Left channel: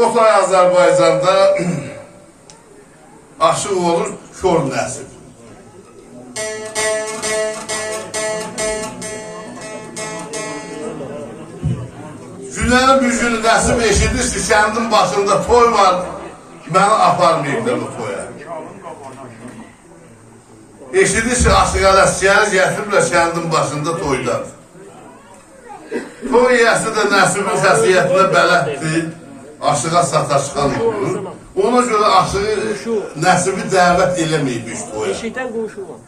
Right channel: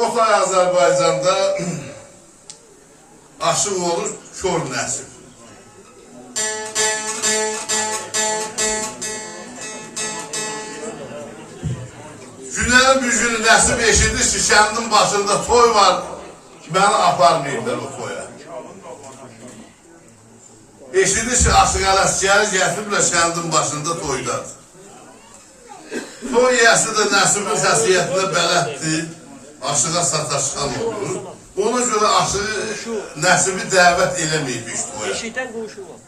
Orta Azərbaycanda aşıq olur kör nəsil. Günlərin bir günü Nəsib eşidir ki, kəndin başında toy var, məni aparmayıblar o toya. Eşidir ki, aşıq ələskəri gətiriblər kəndin başında toydadır. Toy yəsi də Nəsibin xəsiyyətinə bələddir. Aşığa sataşqan olur. Ona görə aşığı Nəsibi dəvət eləməyib iş toya. Eşikdən quşu var.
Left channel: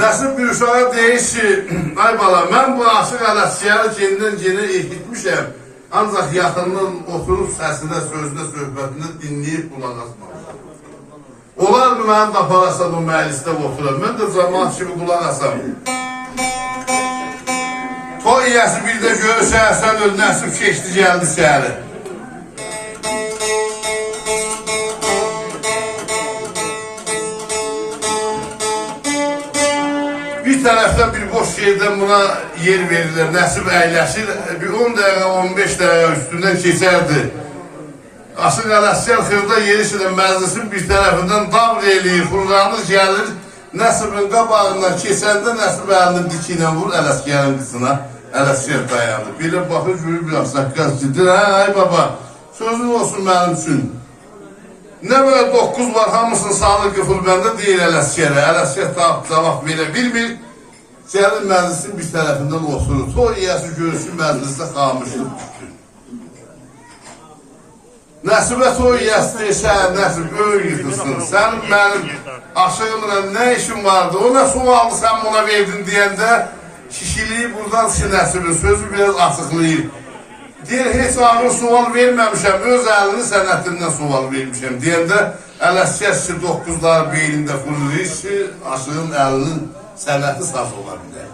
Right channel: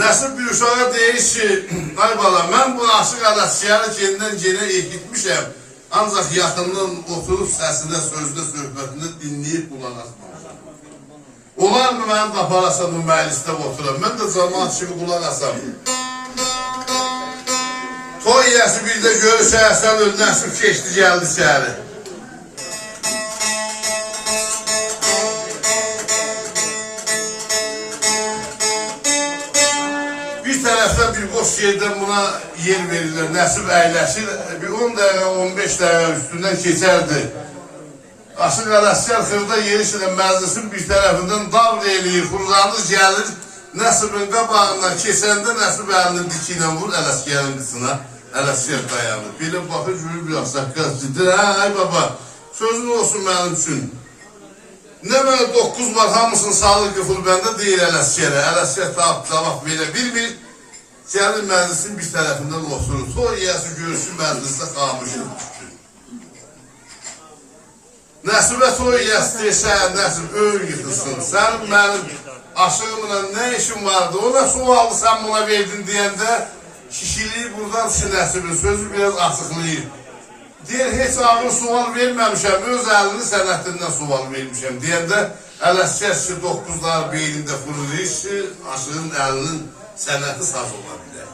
Nəsib bir uşağa deyir ki, ay bala, mən bu aşıq ələskəri kendindən genə eğitmişəm. Ancaq yaxından oturub səsinə, sözünə, söhbətinə dinləyib qulaq asmamışam. Olar mı mənim də aparasam bu məclisdə oturam? Mən də cəmaat kimi qulaq asam. Toy yəsi bir də görürsə, sən öl Nəsib keçdi, gəldi şəhəri. Bir tərəfdən bir boş yerdən buna yer verirlər, Nəsib əyləşir, bir 10 dəqiqə, 15 dəqiqə üstündən keçərdi. Aşıq ələskər xırda yerişlə məclisin bir tərəfindən davr eləyir, fırlanır, gəlir, Nəsibin qabağından keçəndə Nəsib əlini dikilə vur, ələskərin qısına, ələskər dayanır. Belə baxır, görür, bir axsaqqaz dedir, ay baba, sözün olsun mənim üçün. Nə böyle 9 var, hamısını sağlıq qıfıl bəndə deyir ələskərə. Ələskər cavab verə bilmir. Gəlir məclisin bir tərəfindən oturur. Toy yiyəsi görürsün məclisdə xamışlıq düşdü. Nəsibə toy yiyəsi deyirsə, Nəsib öl yıxılsın. Sənin mənim aşığımla nə işin vardı? O nə sualı sən buna verdin deyəndə kişiliyi buradan ki Nəsibin sözü biraz açıqlayır. Deyir, heç ağır sual verməmişəm, öz əlini sənətindən sual vermişəm. Deyəndə, ələskər ki, 9'lar beynində fırlayır ki, aşığın əlinin sənəti saz ola bilər.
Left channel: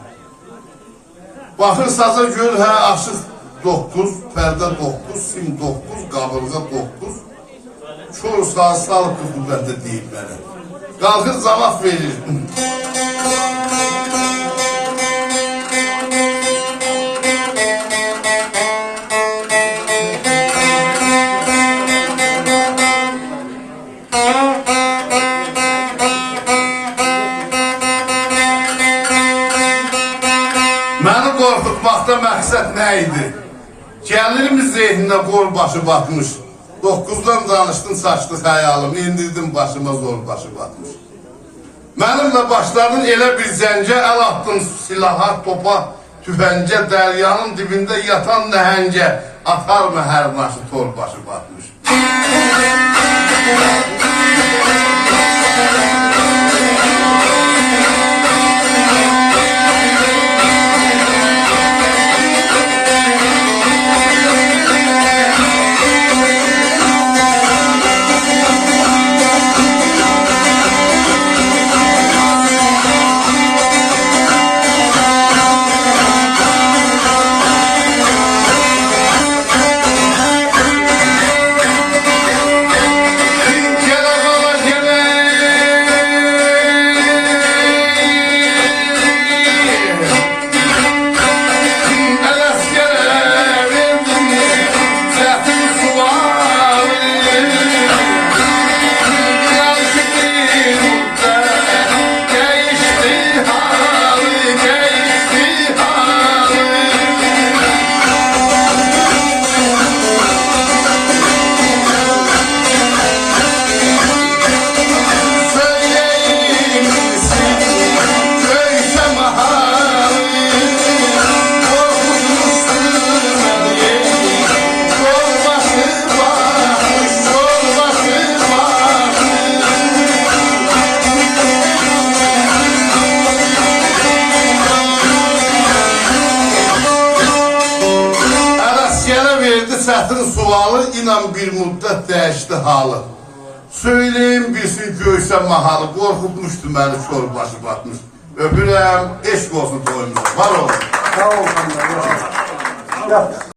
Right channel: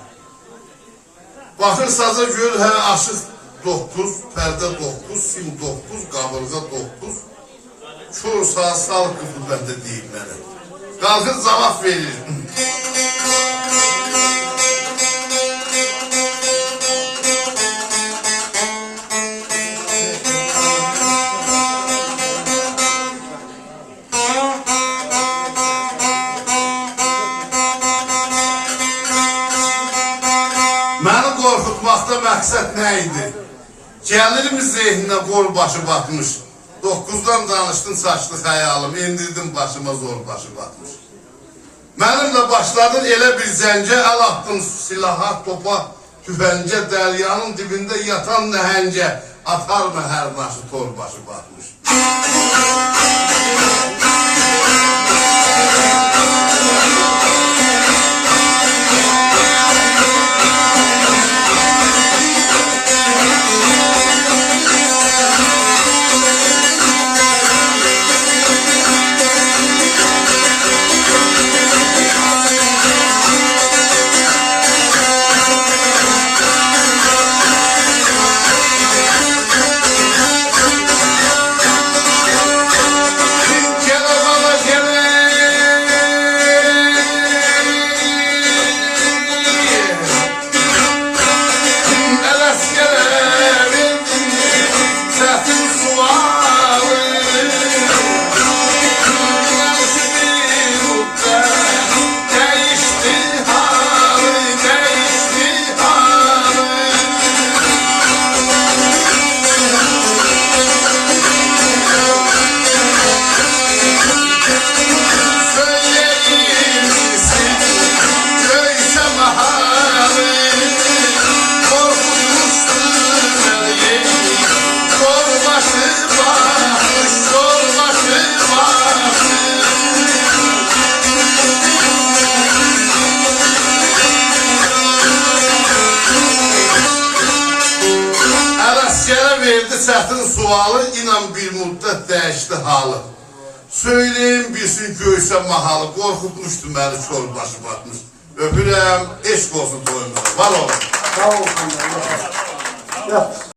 Baxır saza gör, hə, aşıq 9, pərdə 9, sim 9, qabırğa 9, kör saz, sağlıq qüvvətdə deyib mənə. Qalxır, cavab verir. Məni qorxutmaqda məqsəd nə idi? Gəlirimiz zehninə qol başı batmış. 9'dan danışdın saçlı xəyalım, indirdim başıma zor başı batmış. Mənimlə başladın elə bir zəncə, əl attın silaha, topa, tüfəncə, dəryanın dibində yatan nəhəncə, atar mı hər naşı tor başı batmış. Milletin sualı inan bir müddet değişti halı. Söyleyin bilsin göğse mahalı. Korkutmuştu beni çor başı batmış. Öpürəm, eşk olsun toyumuz. Var olun. Sağ olun. Ya.